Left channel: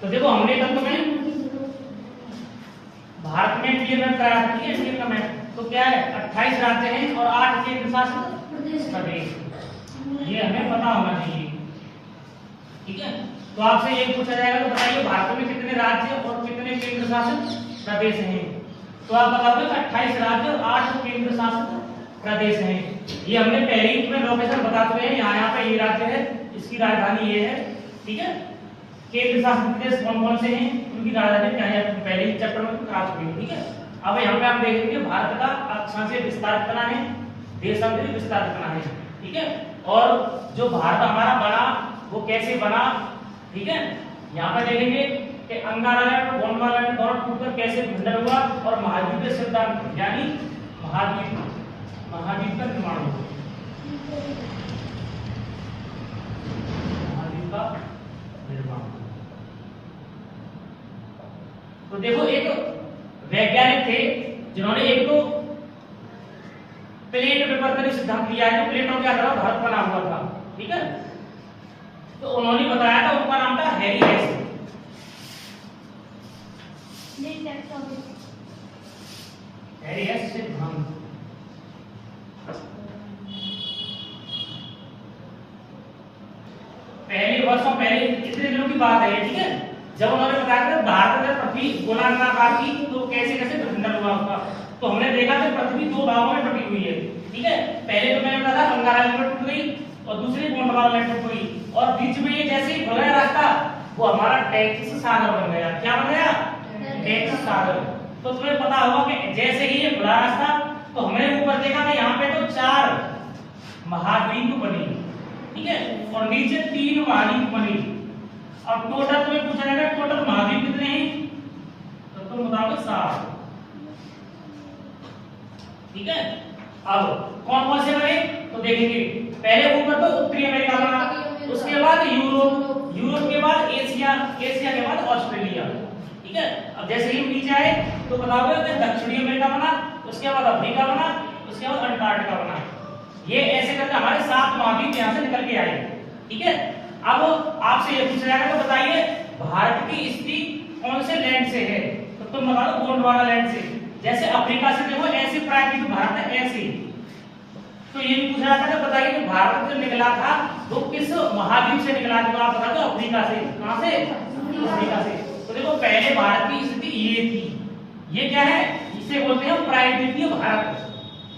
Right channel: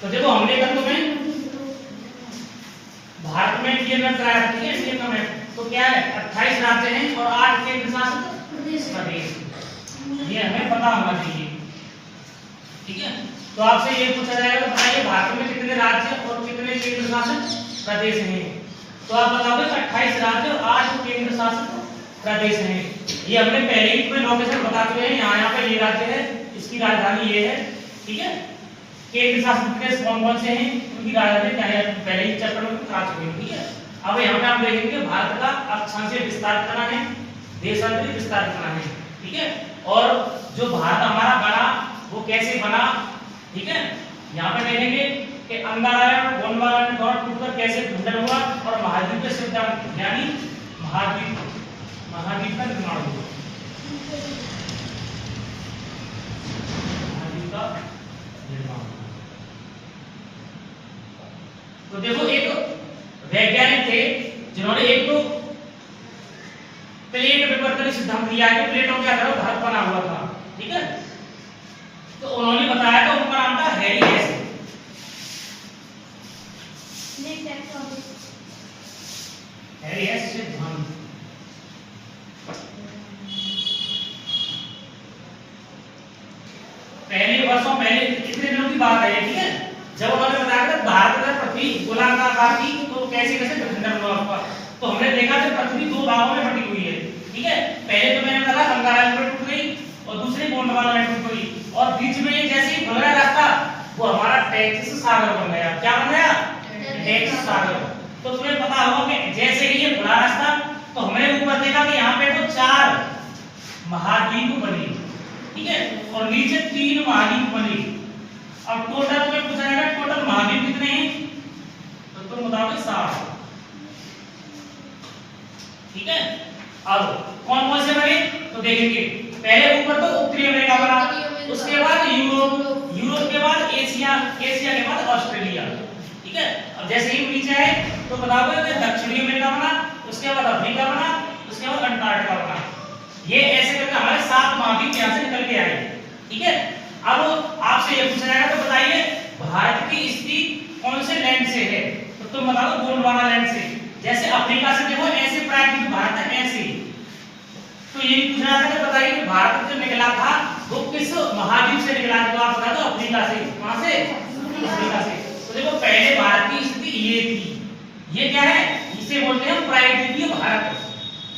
तो देखो हमने कल तुम्हें भारत में इंडिया मैप कराया, ठीक है, इंडिया का मैप। तो क्या है, 28 राज्य हैं और 8 केंद्र शासित प्रदेश। ये हमें पता होना चाहिए, ठीक है। तो आपसे ये पूछा जाएगा तो बताइए भारत में कितने राज्य और कितने केंद्र शासित प्रदेश हैं। तो आप बताओगे 28 राज्य और 8 केंद्र शासित प्रदेश हैं। ये हमने पहले ही तुम्हें लोकेशन बता चुके हैं। यहाँ पे ये राज्य है, इसकी राजधानी ये है, ठीक है। केंद्र शासित प्रदेश कौन कौन से हैं, उनकी राजधानी क्या है, पहले ही चैप्टर में बता चुके हैं, ठीक है। अब यहाँ पे आप देखेंगे भारत का अक्षांशीय विस्तार कितना है, देशांतरित विस्तार कितना है, ठीक है। और जो भारत हमारा बना वो कैसे बना, ठीक है। यहाँ पर देखेंगे कि अंगारा और गोंडवाना दौर टूटकर कैसे खंडन हुआ और महाद्वीप के सिद्धांत यानी महाद्वीप का निर्माण हुआ। महाद्वीप का निर्माण। तो देखो एक वैज्ञानिक थे जिन्होंने एक तो प्लेट विवर्तन सिद्धांत दिया है कि प्लेटों के आधार पर भारत बना हुआ था, ठीक है। तो उन्होंने बताया था, उनका नाम था हैरी हेस। हैरी हेस सिद्धांत। पहले वर्षों पहले इतने दिनों की बात है, ठीक है, जब उन्होंने बताया था भारत में पृथ्वी गोलाकार थी तो कैसे कैसे खंडन हुआ उसका। तो हमने देखा कि पृथ्वी दो भागों में बटी हुई है, ठीक है। पहले तो मैंने कहा अंगारा में टूट गई और दूसरी गोंडवाना में टूट गई और बीच में ये जैसे ही खुला रास्ता वो हमारा टेक्सास सागर बन गया। क्या बन गया, टेक्सास सागर। तो तुम्हें पता होगा कि जैसे ही ये खुला रास्ता तो हमने ऊपर देखा कि यहाँ पे तो 4 महाद्वीप बने, ठीक है, और नीचे 3 महाद्वीप बने। अब टोटल तुम्हें पूछा जाएगा टोटल महाद्वीप कितने हैं, तो तुम बताओगे 7, ठीक है। अब कौन कौन से बने तो देखेंगे। पहले ऊपर तो उत्तरी अमेरिका बना, उसके बाद यूरोप, यूरोप के बाद एशिया, एशिया के बाद ऑस्ट्रेलिया, ठीक है। अब जैसे ही नीचे आए तो बताओगे कि दक्षिणी अमेरिका बना, उसके बाद अफ्रीका बना, उसके बाद अंटार्कटिका बना। ये ऐसे करके हमारे 7 महाद्वीप यहां से निकल के आए, ठीक है। अब आपसे ये पूछा जाएगा तो बताइए भारत की स्थिति कौन से लैंड से है, तो तुम बताओ गोंडवाना लैंड से। जैसे अफ्रीका से देखो ऐसे प्रायद्वीप भारत है ऐसे। तो ये पूछा जाता है बताइए कि भारत जो निकला था वो किस महाद्वीप से निकला था, आप बता दो अफ्रीका से। कहां से, अफ्रीका से। तो देखो पहले भारत की स्थिति ये थी, ये क्या है, इसे बोलते हैं प्रायद्वीपीय भारत।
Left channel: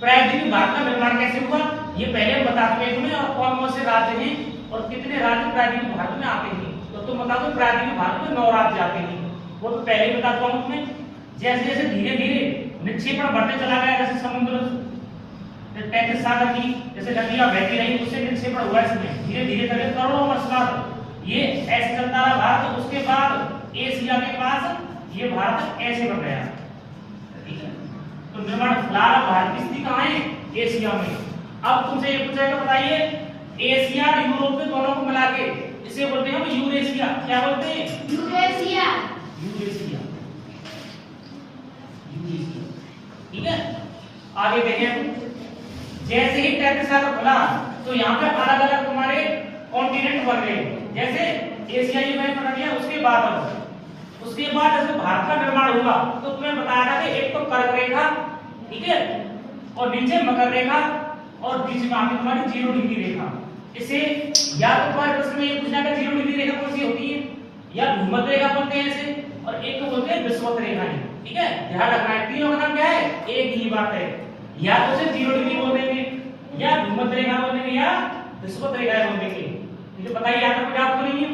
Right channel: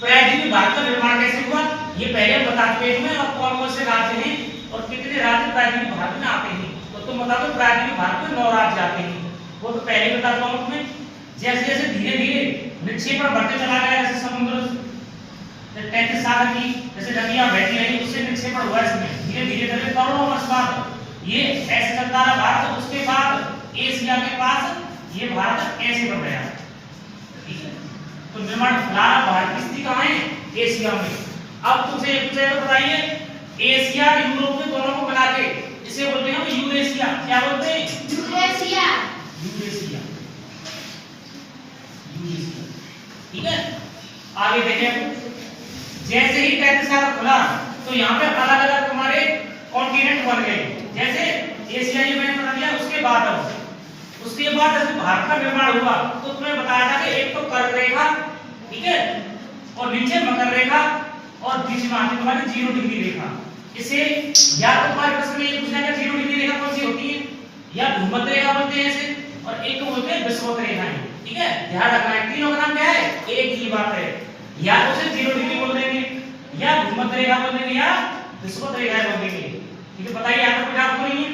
प्रायद्वीपीय भारत का निर्माण कैसे हुआ ये पहले बता चुके हैं और कौन कौन से राज्य हैं और कितने राज्य प्रायद्वीपीय भारत में आते हैं। तो तुम बता दो प्रायद्वीपीय भारत में 9 राज्य आते हैं, वो तो पहले बता चुका हूं तुम्हें। जैसे जैसे धीरे धीरे निक्षेपण बढ़ते चला गया, जैसे समुद्र टेक्सास सागर की जैसे नदियां बहती रही उससे निक्षेपण हुआ इसमें धीरे धीरे करके करोड़ों वर्ष बाद ये ऐसे चलता रहा भारत। उसके बाद एशिया के पास ये भारत ऐसे बन गया, ठीक है। तो निर्माण फिलहाल भारत की स्थिति कहां है, एशिया में। अब तुमसे ये पूछा जाए बताइए एशिया यूरोप में दोनों को मिला के इसे बोलते हैं यूरेशिया। क्या बोलते हैं, यूरेशिया, यूरेशिया, यूरेशिया, ठीक है। आगे देखें जैसे ही टेक्सास सागर खुला तो यहाँ पे अलग अलग तुम्हारे कॉन्टिनेंट बन गए। जैसे एशिया जी मैंने बता दिया, उसके बाद जैसे भारत का निर्माण हुआ तो तुम्हें बताया था कि एक तो कर्क रेखा, ठीक है, और नीचे मकर रेखा और बीच में आती तुम्हारी 0 डिग्री रेखा। इसे या तो तुम्हारे प्रश्न में ये पूछना कि 0 डिग्री रेखा कौन सी होती है, या भूमध्य रेखा बोलते हैं इसे, और एक को बोलते हैं विषुवत रेखाएं, ठीक है। ध्यान रखना है तीनों का नाम क्या है, एक ही बात है। या तो उसे 0 डिग्री बोल देंगे, या भूमध्य रेखा बोल देंगे, या विषुवत रेखा बोल देंगे, ठीक है। बताइए यहाँ पर आप नहीं है।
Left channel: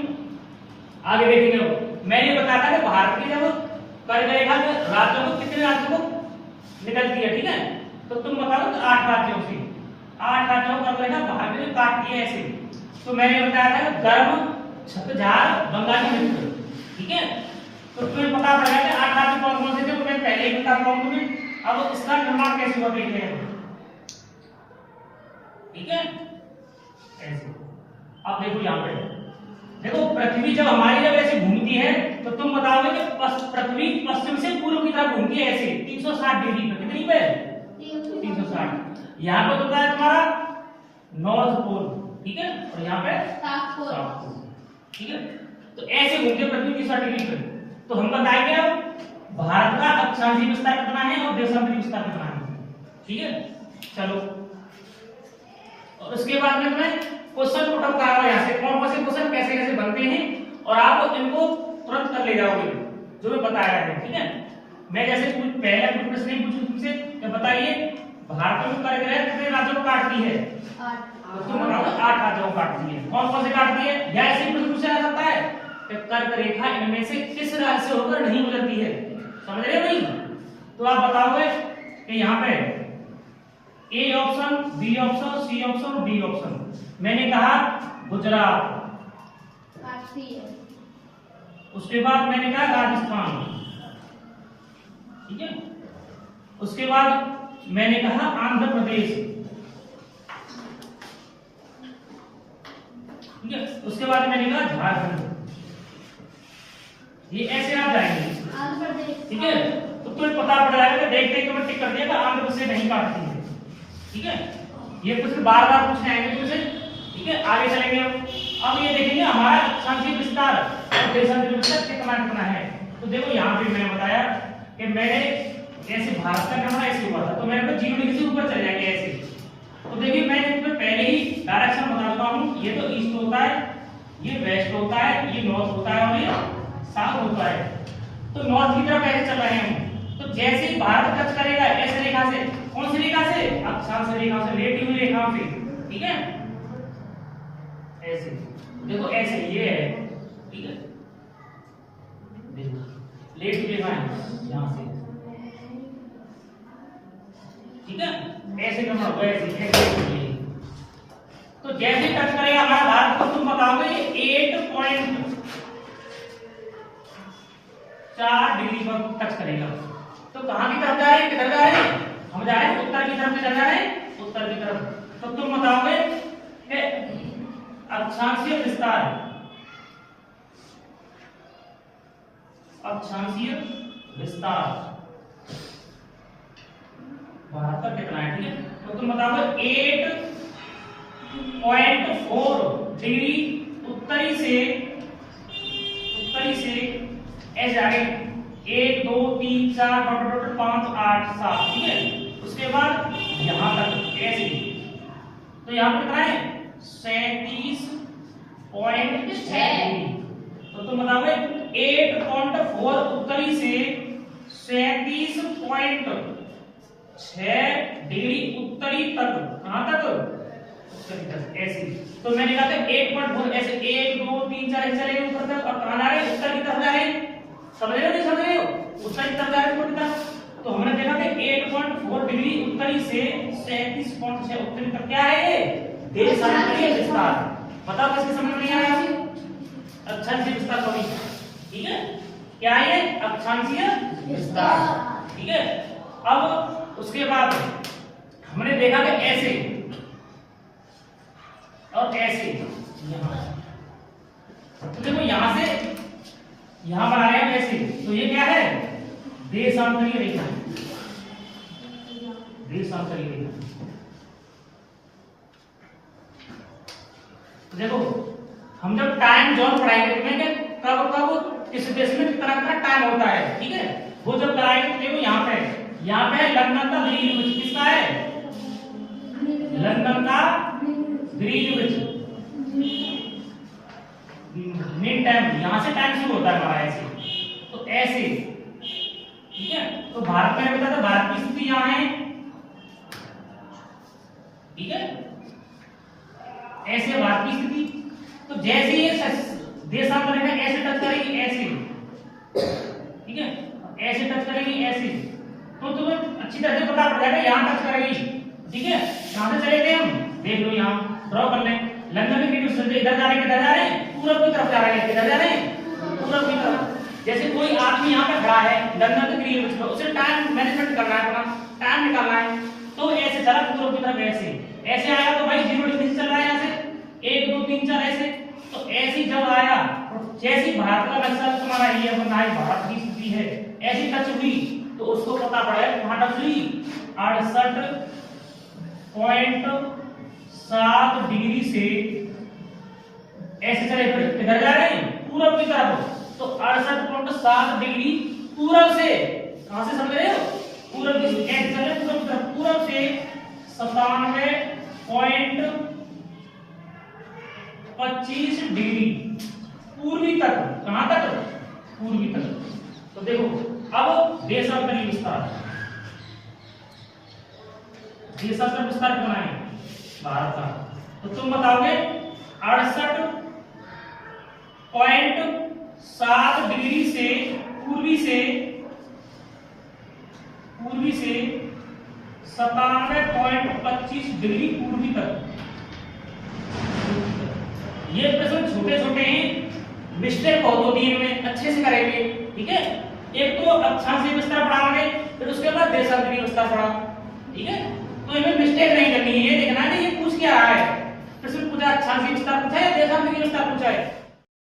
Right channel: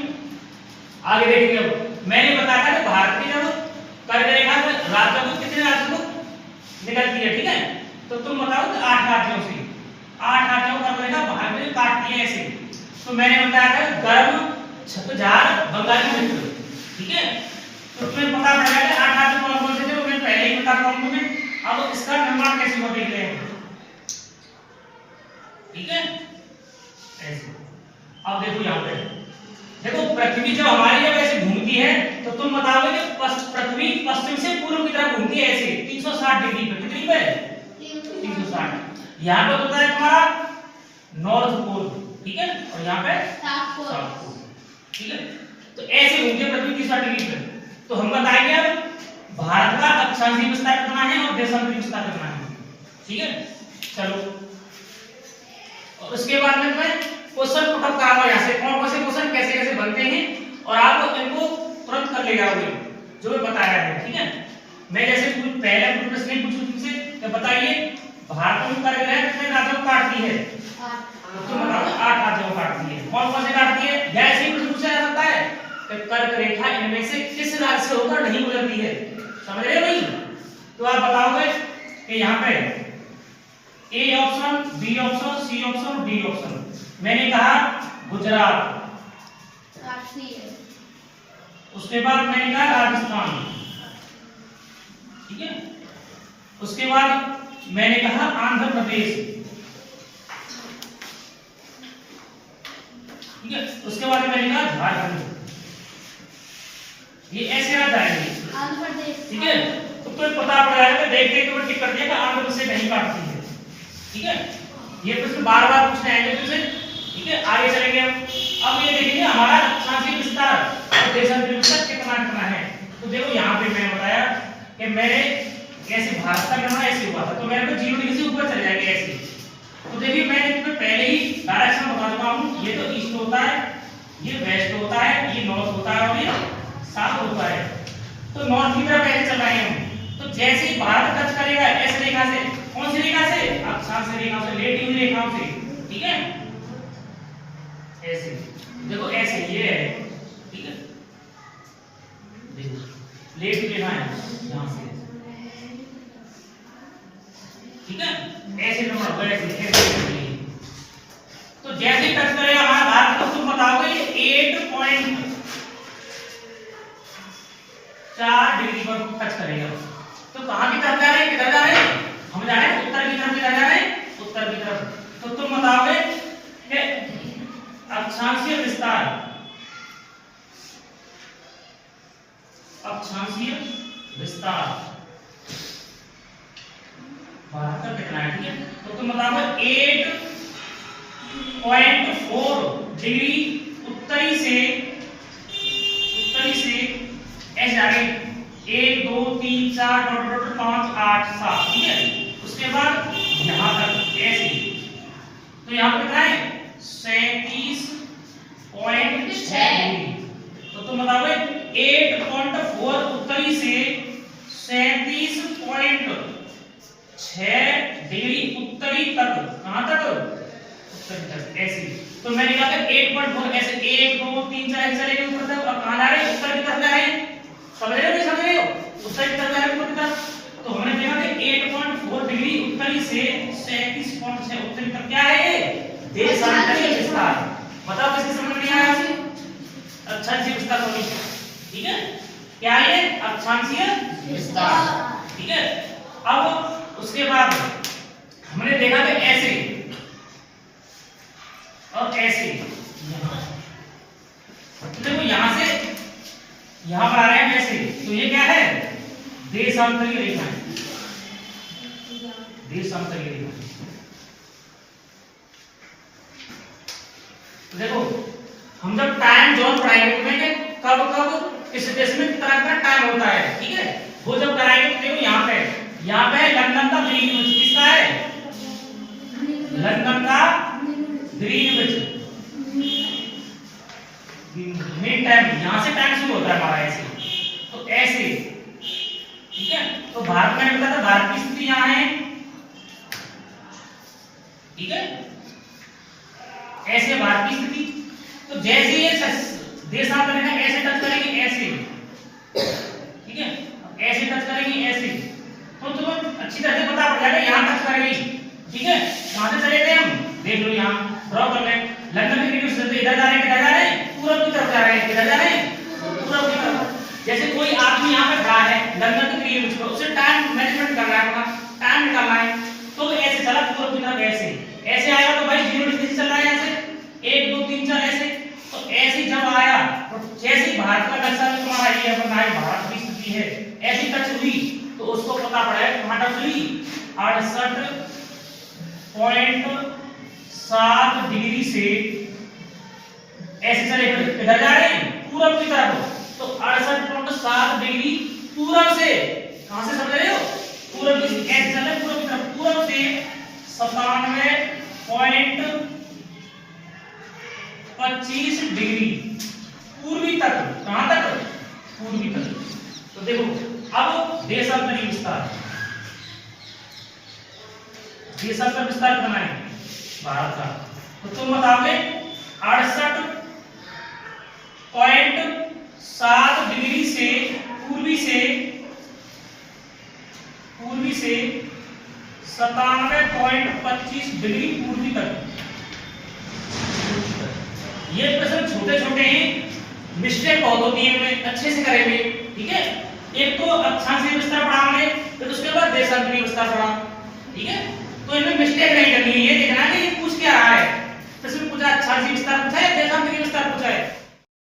आगे देखेंगे। अब मैंने बताया था कि भारत की जब कर्क रेखा में राज्यों को कितने राज्यों को निकलती है, ठीक है। तो तुम बताओ 8 राज्यों से, 8 राज्यों का कर्क रेखा बाहर में काटती है ऐसे। तो मैंने बताया था गर्म, छतझार, बंगाली मित्र, ठीक है। तो तुम्हें पता चला कि 8 राज्य कौन कौन से थे, वो मैं पहले ही बता रहा हूं तुम्हें। अब इसका निर्माण कैसे हुआ देख रहे हैं, ठीक है, ऐसे। अब देखो यहाँ पे देखो पृथ्वी जब हमारी जब ऐसे घूमती है तो तुम बताओगे कि पृथ्वी पश्चिम से पूर्व की तरफ घूमती है ऐसे 360 डिग्री पे। कितनी पे, 360। यहाँ पे होता है तुम्हारा नॉर्थ पोल, ठीक है, और यहाँ पे साउथ पोल, ठीक है। तो ऐसे घूमते पृथ्वी की सतह पर। तो हम बताएंगे अब भारत का अक्षांशीय विस्तार कितना है और देशांतरीय विस्तार कितना है। ठीक है, चलो। और उसके बाद में मैं क्वेश्चन पुट अप कराऊंगा यहाँ से, कौन कौन से क्वेश्चन कैसे कैसे बनते हैं और आप इनको तुरंत कर लेगा जो मैं बताया है। ठीक है, मैं जैसे पहला कुछ प्रश्न नहीं पूछूं तुमसे, तो बताइए भारत में कर्क रेखा कितने राज्यों को काटती है? 8 राज्यों को काटती है। कौन कौन से काटती है? या ऐसे ही प्रश्न पूछा जा सकता है कि कर्क रेखा इनमें से किस राज्य से होकर नहीं गुजरती है? समझ रहे हो भाई? तो आप बताओगे कि यहाँ पे A option, B option, C option, D option. मैंने कहा गुजरात, उसके बाद मैंने कहा राजस्थान, ठीक है, उसके बाद मैंने कहा आंध्र प्रदेश, ठीक है, उसके बाद मैंने कहा झारखंड। ये ऐसे आ जाएंगे, ठीक है। तो तुम्हें पता पड़ जाएगा, देखते ही तुम्हें टिक कर दिया कि आंध्र प्रदेश नहीं काटती है। ठीक है, ये प्रश्न बार बार पूछने आएंगे तुमसे। ठीक है, आगे चलेंगे अब ये देखेंगे हमारा अक्षांशीय विस्तार और देशांतरीय विस्तार कितना कितना है। तो देखो यहाँ पे मैंने बताया कि मैंने ऐसे भारत का नंबर ऐसे हुआ था, तो मैंने तो 0 डिग्री से ऊपर चले जाएंगे ऐसे। तो देखिए मैंने तुम्हें पहले ही डायरेक्शन बता देता हूँ, ये तो ईस्ट होता है, ये वेस्ट होता है, ये नॉर्थ होता है और ये साउथ होता है। तो नॉर्थ की तरफ ऐसे चल रहे हैं हम। तो जैसे ही भारत टच करेगा ऐसे रेखा से, कौन सी रेखा से? अक्षांशीय रेखा से, लेटी हुई रेखाओं से। ठीक है, ऐसे देखो, ऐसे ये है, ठीक है, देखो लेटी रेखा है यहां से, ठीक है, ऐसे नंबर ऐसे। तो जैसे टच करेगा हमारा भारत, तो तुम बताओगे 8.4 डिग्री पर टच करेगा। तो कहां की तरफ जा रहे हैं? किधर जा रहे हैं? हम जा रहे हैं उत्तर की तरफ। किधर जा रहे हैं? उत्तर की तरफ। तो तुम बताओगे कि अक्षांशीय विस्तार, अक्षांशीय विस्तार भारत का कितना है? ठीक है, तो तुम बताओगे 8.4 डिग्री उत्तरी से ऐसे जा रहे 1 2 3 4 5 8 7। ठीक है, उसके बाद यहां तक ऐसे। तो यहां पर कितना है? 37.6 डिग्री। तो तुम बताओगे 8.4 उत्तरी से 37.6 डिग्री उत्तरी तक। कहां तक? उत्तरी तक ऐसे। तो मैंने कहा था 8.4 ऐसे 1 2 3 4 ऐसे चलेंगे ऊपर तक। अब कहां जा रहे हैं? उत्तर की तरफ जा रहे हैं। समझ रहे हो? नहीं समझ रहे हो? उत्तर की तरफ जा रहे हैं, ऊपर की तरफ। तो हमने देखा कि 8.4 डिग्री उत्तरी से 37.6 उत्तरी तक क्या है? ये देशांतरीय विस्तार। बताओ किसके समझ में नहीं आया? अक्षांशीय विस्तार होगी। ठीक है, क्या है? अक्षांशीय विस्तार। ठीक है, अब उसके बाद हमने देखा कि ऐसे और ऐसे। तो देखो यहां से यहां पर आ रहे हैं ऐसे। तो ये क्या है? देशांतरीय रेखा है, देशांतरीय रेखा। देखो हम जब टाइम जोन पढ़ाएंगे तुम्हें कब कब किस देश में कितना कितना टाइम होता है, ठीक है, वो जब कराएंगे तो देखो यहाँ पे लंदन का ग्रीनविच किसका है? लंदन का ग्रीनविच मिड टाइम, यहाँ से टाइम शुरू होता है हमारा ऐसे। तो ऐसे, ठीक है। तो भारत में बताया था भारत की स्थिति यहाँ है, ठीक है, ऐसे भारत की स्थिति। तो जैसे ये देशांतर रेखा ऐसे टच करेगी ऐसे, ठीक है, ऐसे टच करेगी ऐसे, तो तुम्हें अच्छी तरह से पता पड़ जाएगा यहाँ टच करेगी। ठीक है, कहां से चले थे हम? देख लो यहाँ ड्रॉ कर लें। लंदन के ग्रीनविच से इधर जा रहे हैं, किधर जा रहे हैं? पूरब की तरफ जा रहे हैं। किधर जा रहे हैं? पूरब की तरफ। जैसे कोई आदमी यहाँ पे खड़ा है लंदन के ग्रीनविच पे, उसे टाइम मैनेजमेंट करना है, अपना टाइम निकालना है, तो ऐसे चला पूरब की तरफ ऐसे ऐसे आया। तो भाई 0 डिग्री से चल रहा है यहाँ से 1 2 3 4 ऐसे। तो ऐसे जब आया तो जैसे ही भारत का नक्शा तुम्हारा ये बनाए भारत की स्थिति है ऐसी टच हुई तो उसको पता पड़ा कि कहां टच हुई? 68.7 डिग्री से ऐसे चले। किधर जा रहे हैं? पूरब की तरफ, तो 68.7 डिग्री पूरब से, कहां से समझ रहे हो, पूरब की कैसे चल रहे, पूरब की तरफ, पूरब से 97.25 डिग्री पूर्वी तक, कहां तक, पूर्वी तक। तो देखो अब देशांतरी विस्तार, देशांतर विस्तार बनाएंगे भारत का, तो तुम बताओगे 68.7 डिग्री से पूर्वी से 97.25 डिग्री पूर्वी तक। ये प्रश्न छोटे छोटे हैं, मिस्टेक बहुत होती है इनमें, अच्छे से करेंगे, ठीक है। एक तो अक्षांशीय विस्तार पढ़ा हमने, फिर उसके बाद देशांतरीय विस्तार पढ़ा, ठीक है। तो इनमें मिस्टेक नहीं करनी है, देखना कि ये पूछ क्या रहा है, इसमें पूछा अक्षांशीय विस्तार पूछा है, देशांतरीय विस्तार पूछा है।